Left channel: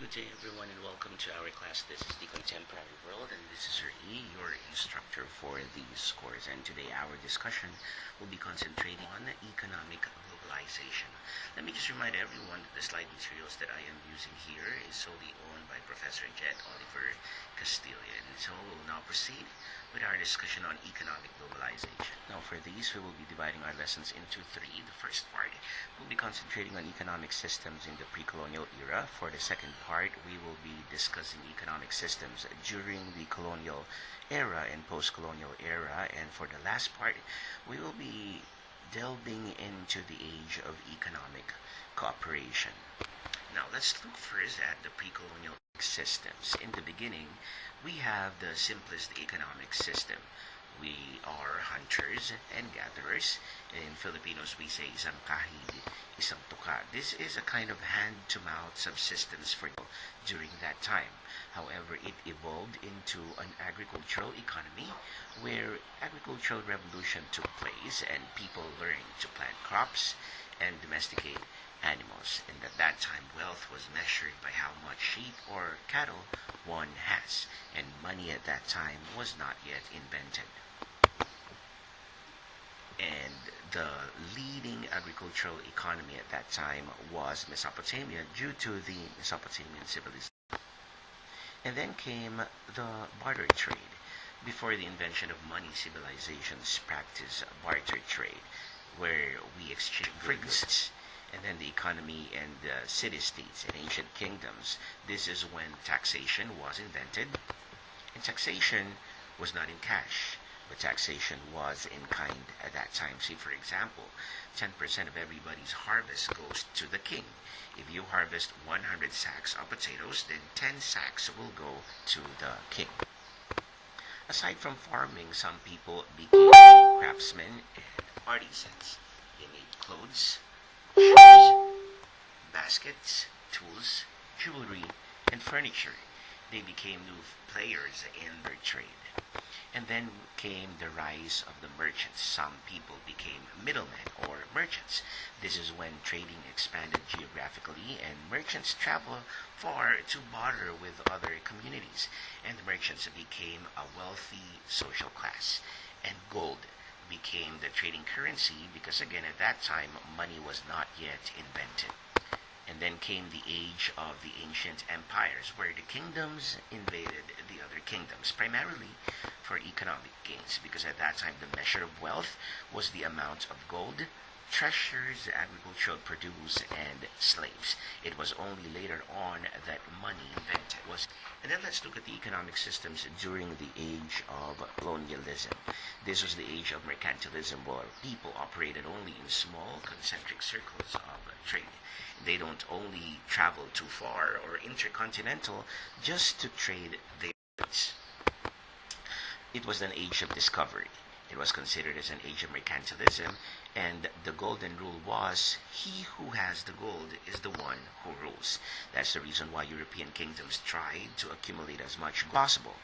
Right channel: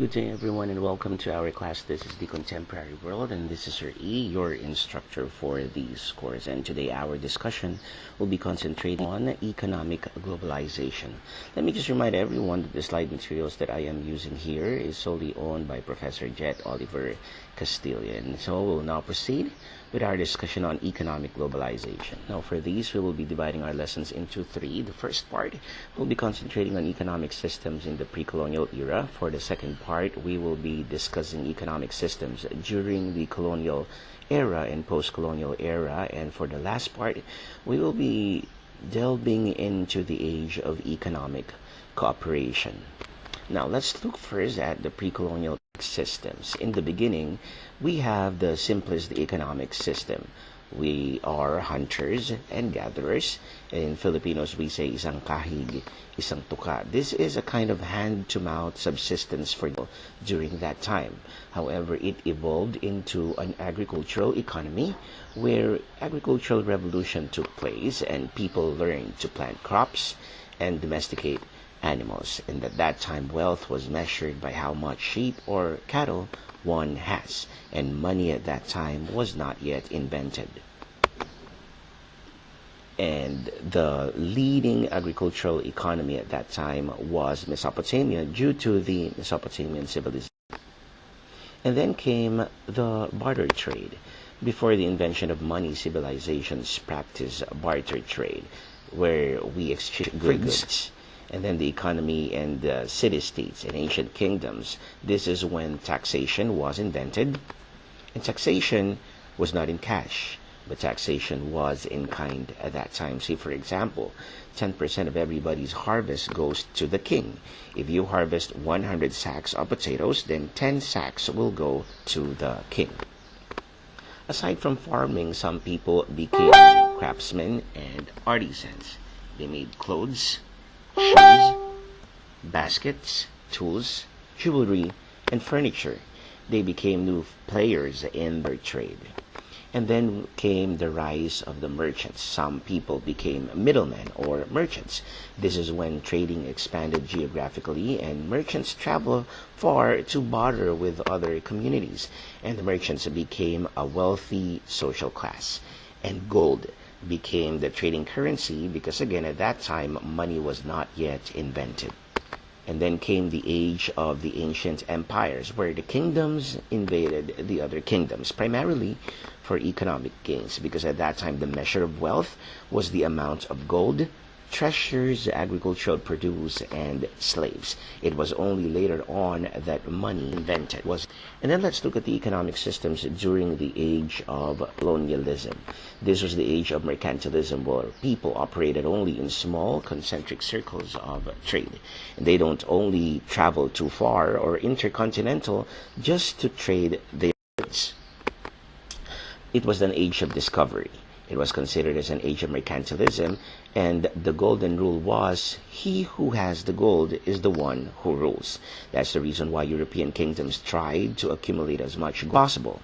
Good day, everyone, and welcome to our class. This is the Contemporary World, and this is Sir E, your instructor for these course. And today, our discussion will be concentrating on economic globalization. Let me just remind everyone that the slide materials that I am using here is solely owned by Professor Jet Oliver Castillo. And so we'll now proceed with our discussion on economic globalization. Now, for these, we will be dividing our lessons into three. The first part will be concentrating on economic systems in the pre-colonial era. For the second part, we will be discussing economic systems during the colonial era and post-colonial era. And for the last part, we will be delving into the age of economic cooperation. Now, let's look first at the pre-colonial systems. In the beginning, we have the simplest economic system. We are hunters and gatherers. In Filipinos, we say isang kahig, isang tuka. This is a kind of hand-to-mouth subsistence for during that time. However, it evolved into an agricultural economy where agricultural revolution took place and people learned to plant crops and domesticate animals. And at that time, wealth was measured by how much sheep or cattle one has, and money at that time was not yet invented. And the leading agricultural economy at that time was Mesopotamia due to the Mesopotamian civilization. And then came the barter trade. Before the invention of money, civilizations practiced barter trade, where we exchange goods. And then the economy and the city-states and ancient kingdoms. This is when taxation was invented. And taxation was not in cash, but taxation was in kind at that time. See, for example, 10% of everybody's harvest goes to the king. If you harvest 100 sacks of potatoes, then 10 sacks will go to the king. Aside from farming, some people became craftsmen and artisans. They made clothes, shoes, baskets, tools, jewelry, and furniture. They became new players in their trade. And then came the rise of the merchants. Some people became middlemen or merchants. This is when trading expanded geographically and merchants traveled far to barter with other communities. And the merchants became a wealthy social class. And gold became the trading currency because, again, at that time, money was not yet invented. And then came the age of the ancient empires, where the kingdoms invaded the other kingdoms, primarily for economic gains, because at that time the measure of wealth was the amount of gold, treasures, agricultural produce, and slaves. It was only later on that money invented was. And then let's look at the economic systems during the age of colonialism. This was the age of mercantilism, where people operated only in small concentric circles of trade. And they don't only travel too far or intercontinental just to trade their goods. It was an age of discovery. It was considered as an age of mercantilism, and the golden rule was, he who has the gold is the one who rules. That's the reason why European kingdoms tried to accumulate as much gold as possible.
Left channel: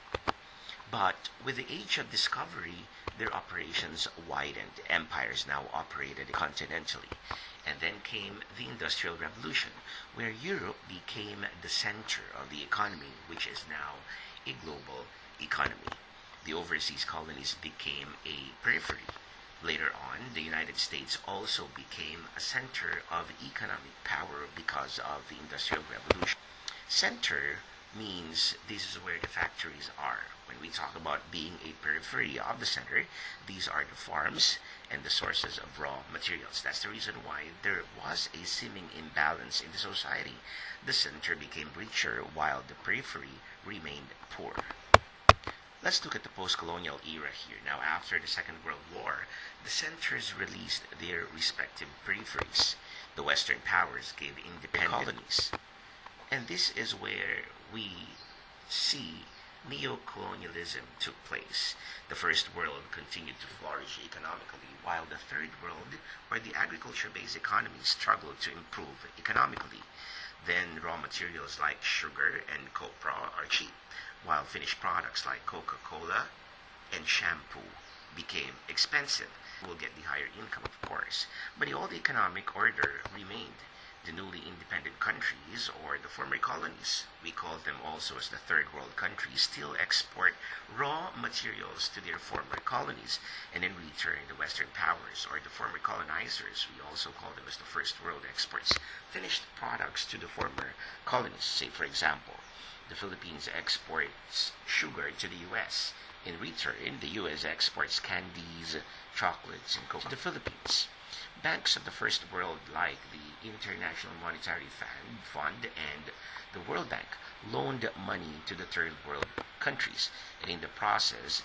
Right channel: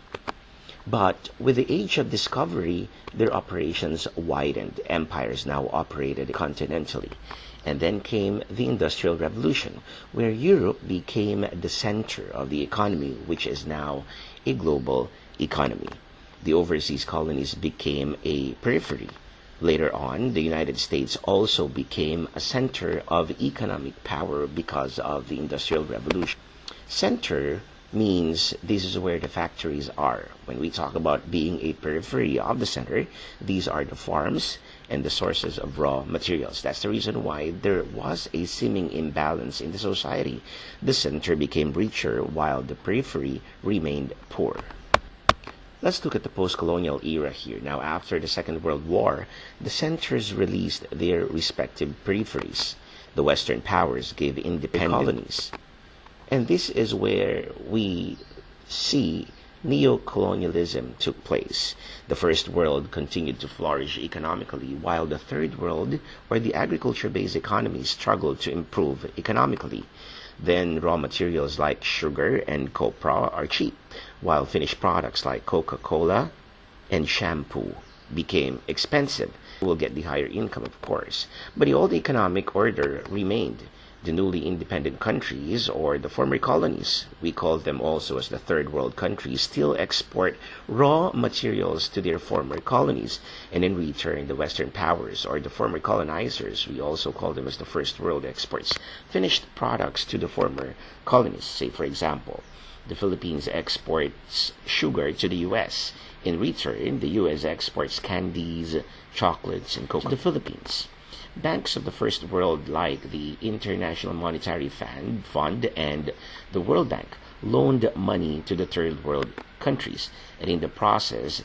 But with the age of discovery, their operations widened. Empires now operated continentally. And then came the Industrial Revolution, where Europe became the center of the economy, which is now a global economy. The overseas colonies became a periphery. Later on, the United States also became a center of economic power because of the Industrial Revolution. Center means this is where the factories are. When we talk about being a periphery of the center, these are the farms and the sources of raw materials. That's the reason why there was a seeming imbalance in the society. The center became richer while the periphery remained poor. Let's look at the post-colonial era here. Now, after the Second World War, the centers released their respective peripheries. The Western powers gave independent colonies. And this is where we see neo-colonialism took place. The First World continued to flourish economically, while the Third World, or the agriculture-based economy, struggled to improve economically. Then raw materials like sugar and copra are cheap, while finished products like Coca-Cola and shampoo became expensive. We'll get the higher income, of course. But the old economic order remained. The newly independent countries, or the former colonies, we call them also as the third world countries, still export raw materials to their former colonies, and in return, the Western powers, or the former colonizers, we also call them as the first world exports finished products to the former colonies. Say, for example, the Philippines exports sugar to the U.S. In return, the U.S. exports candies, chocolates, and cocoa to the Philippines. Banks of the First World, like the International Monetary Fund and the World Bank, loaned money to the Third World countries, and in the process,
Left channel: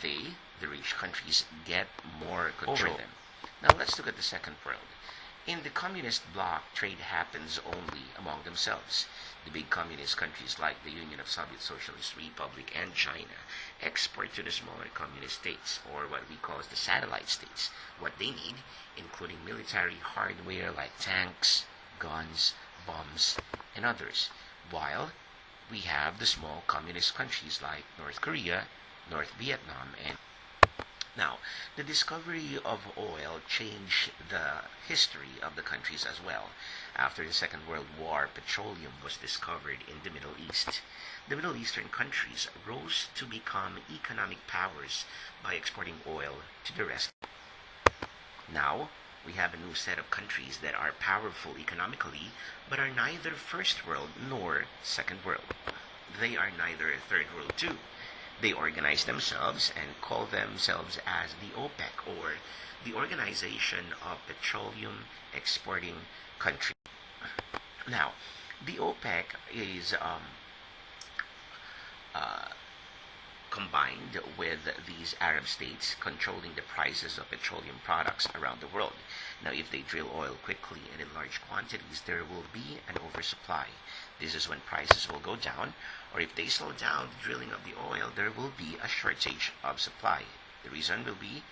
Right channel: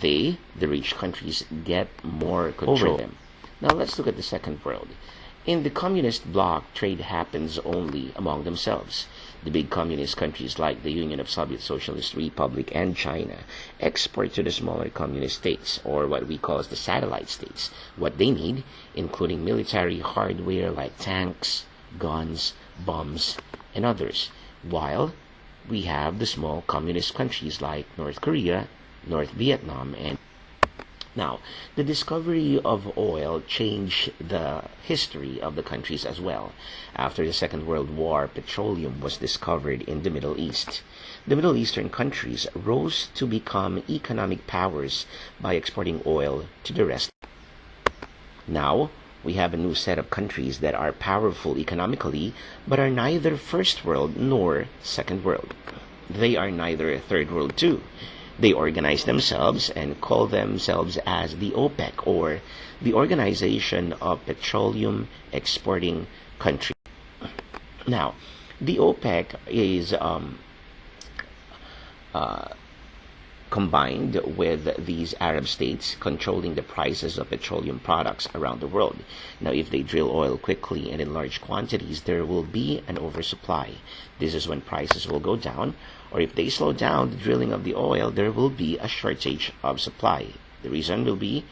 the rich countries, get more control over them. Now let's look at the Second World. In the communist bloc, trade happens only among themselves. The big communist countries like the Union of Soviet Socialist Republic and China export to the smaller communist states, or what we call as the satellite states, what they need, including military hardware like tanks, guns, bombs, and others, while we have the small communist countries like North Korea, North Vietnam, and now, the discovery of oil changed the history of the countries as well. After the Second World War, petroleum was discovered in the Middle East. The Middle Eastern countries rose to become economic powers by exporting oil to the rest. Now, we have a new set of countries that are powerful economically, but are neither First World nor Second World. They are neither Third World too. They organize themselves and call themselves as the OPEC, or the Organization of Petroleum Exporting Countries. Now, the OPEC is combined with these Arab states controlling the prices of petroleum products around the world. Now, if they drill oil quickly and in large quantities, there will be an oversupply. This is when prices will go down, or if they slow down the drilling of the oil, there will be a shortage of supply. The reason will be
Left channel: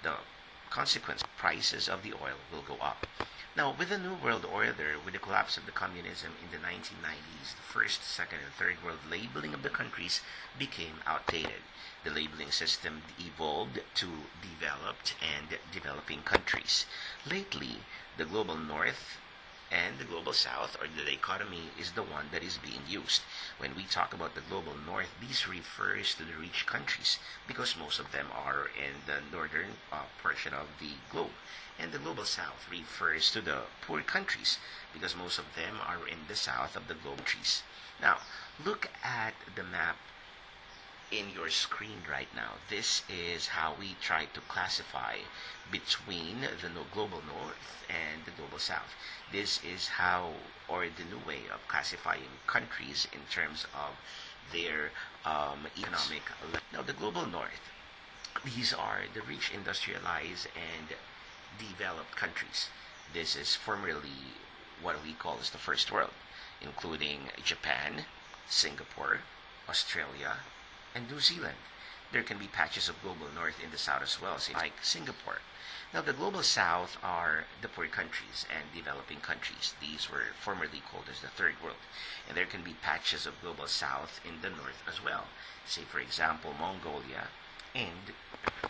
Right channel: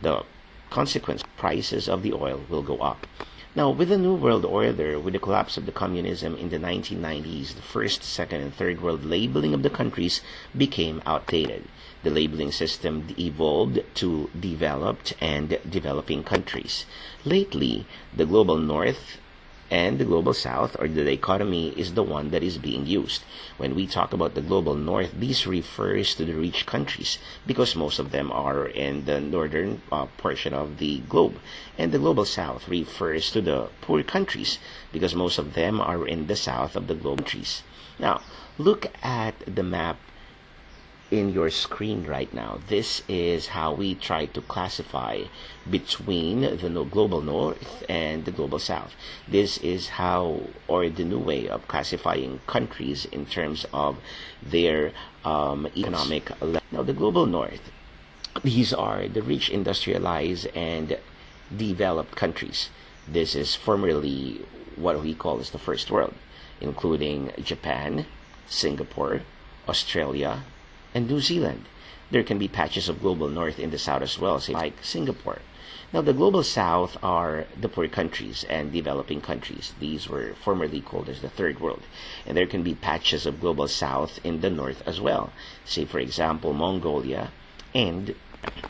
the consequence. Prices of the oil will go up. Now, with the New World Order, with the collapse of the communism in the 1990s, the first, second, and third world labeling of the countries became outdated. The labeling system evolved to developed and developing countries. Lately, the global north and the global south, or the dichotomy, is the one that is being used. When we talk about the global north, this refers to the rich countries because most of them are in the northern portion of the globe. And the global south refers to the poor countries because most of them are in the south of the globe countries. Now, look at the map in your screen right now. This is how we try to classify between the global north and the global south. This is how, or the new way of classifying countries in terms of their economic level. Now, the global north, these are the rich, industrialized, and developed countries. This is formerly what we call as the first world, including Japan, Singapore, Australia, and New Zealand. There can be patches of global north in the south as well, say like Singapore. Now, the global south are the poor countries and developing countries. These were formerly called as the third world. And there can be patches of global south in the north as well. Say, for example, Mongolia and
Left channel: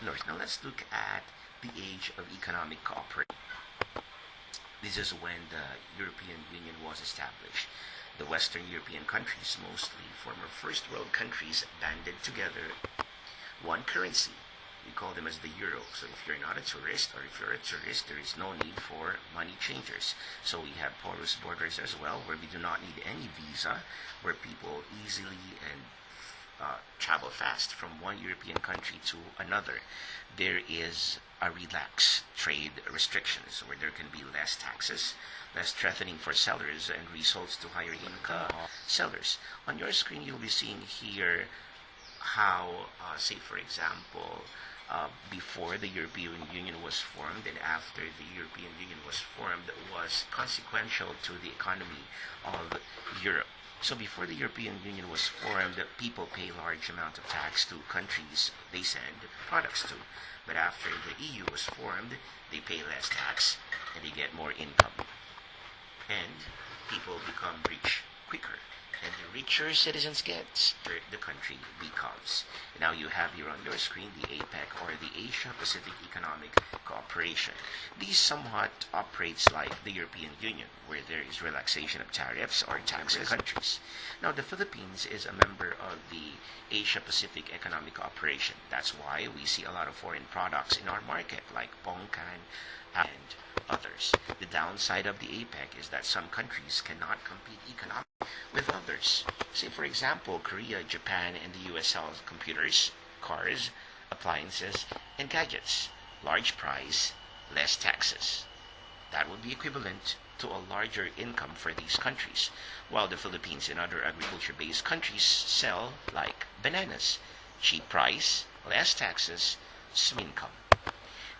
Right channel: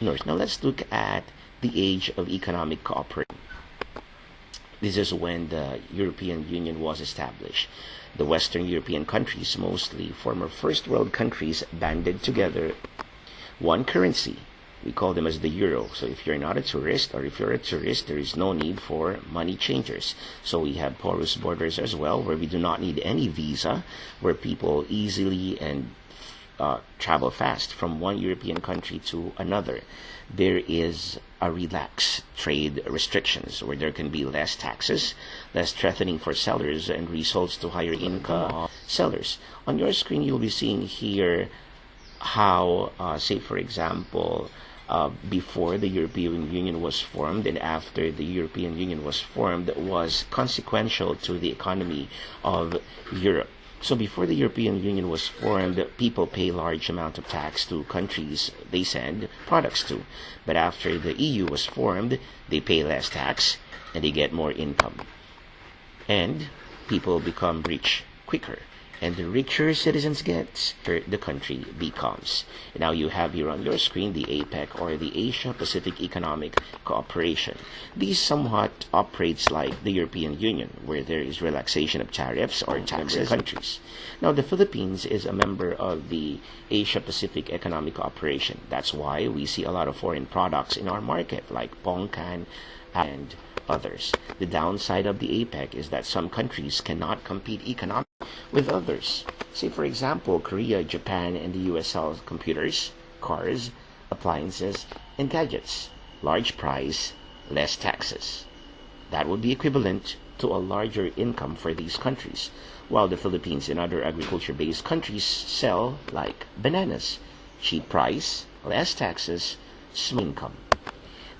north. Now, let's look at the age of economic cooperation. This is when the European Union was established. The Western European countries, mostly former first world countries, banded together one currency. We call them as the euro. So if you're not a tourist, or if you're a tourist, there is no need for money changers. So we have porous borders as well, where we do not need any visa, where people easily and travel fast from one European country to another. There is a relaxed trade restrictions where there can be less taxes, less threatening for sellers, and results to higher income of sellers. On your screen, you'll be seeing here how, say for example, before the European Union was formed and after the European Union was formed was consequential to the economy of Europe. So before the European Union was formed, people pay large amount of tax to countries they send products to. But after the EU was formed, they pay less tax and they get more income. And people become rich quicker. And the richer citizens get, the country becomes. Now you have here on your screen the APEC, or the Asia Pacific Economic Cooperation. These somewhat operates like the European Union, where there is relaxation of tariffs or taxes countries. Now the Philippines is a member of the Asia Pacific Economic Cooperation. That's why we see a lot of foreign products in our market, like pongkan and others. The downside of the APEC is that some countries cannot compete economically with others. Say, for example, Korea, Japan, and the US sell computers, cars, appliances, and gadgets. Large price, less taxes. That would be equivalent to a larger income for these countries, while the Philippines and other agriculture-based countries sell like bananas. Cheap price, less taxes, small income.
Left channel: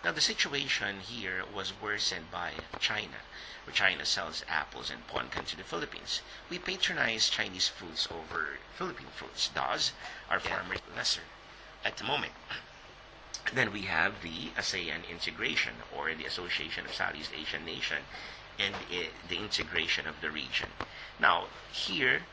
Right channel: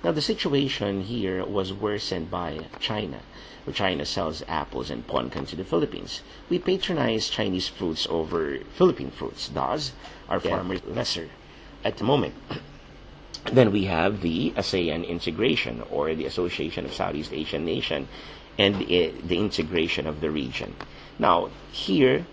Now, the situation here was worsened by China, where China sells apples and pongkan to the Philippines. We patronize Chinese fruits over Philippine fruits. Thus, our farmers lesser at the moment. Then we have the ASEAN integration, or the Association of Southeast Asian Nations, and the integration of the region. Now, here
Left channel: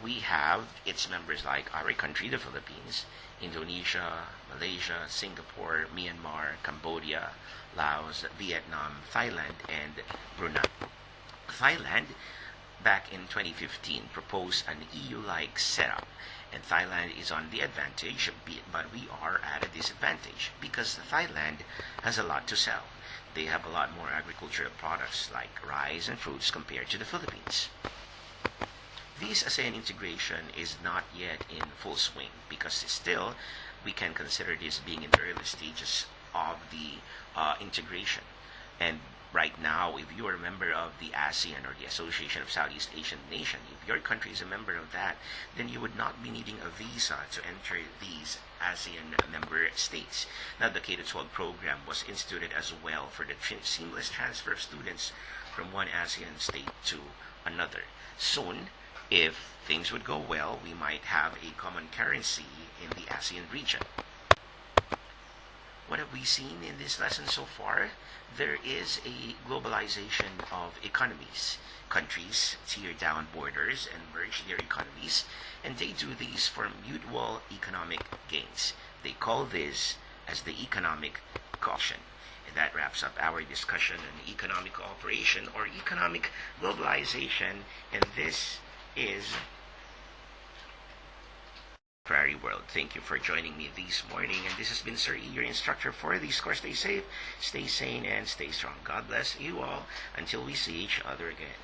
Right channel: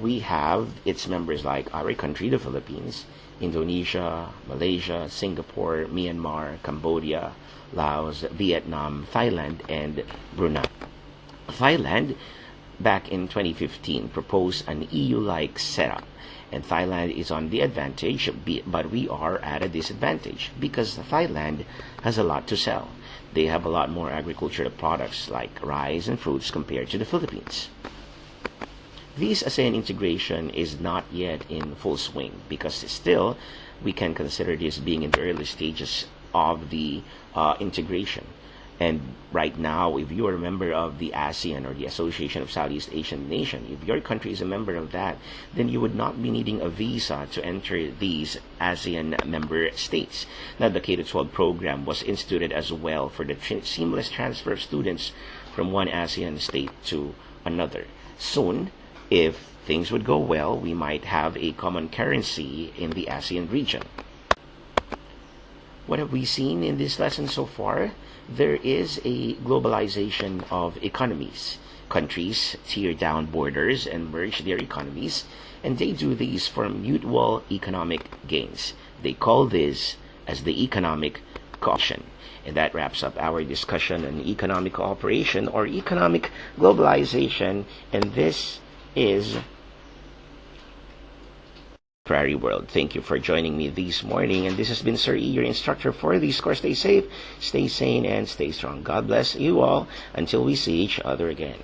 we have its members like our country, the Philippines, Indonesia, Malaysia, Singapore, Myanmar, Cambodia, Laos, Vietnam, Thailand, and Brunei. Thailand, back in 2015, proposed an EU-like setup, and Thailand is on the advantage, but we are at a disadvantage because Thailand has a lot to sell. They have a lot more agricultural products like rice and fruits compared to the Philippines. This ASEAN integration is not yet in full swing because still we can consider this being in the early stages of the integration. And right now, if you are a member of the ASEAN, or the Association of Southeast Asian Nations, if your country is a member of that, then you would not be needing a visa to enter these ASEAN member states. Now, the K-12 program was instituted as well for the seamless transfer of students from one ASEAN state to another. Soon, if things would go well, we might have a common currency in the ASEAN region. What have we seen in this lesson so far? There is a globalization of economies. Countries tear down borders and merge their economies, and they do these for mutual economic gains. They call this as the economic cooperation. And that wraps up our discussion on economic cooperation, or economic globalization, and this is Prairie World. Thank you for joining me this morning, and this has been Sir E, your instructor for this course. Stay safe, stay sane, and stay strong. God bless you all until we see each other again.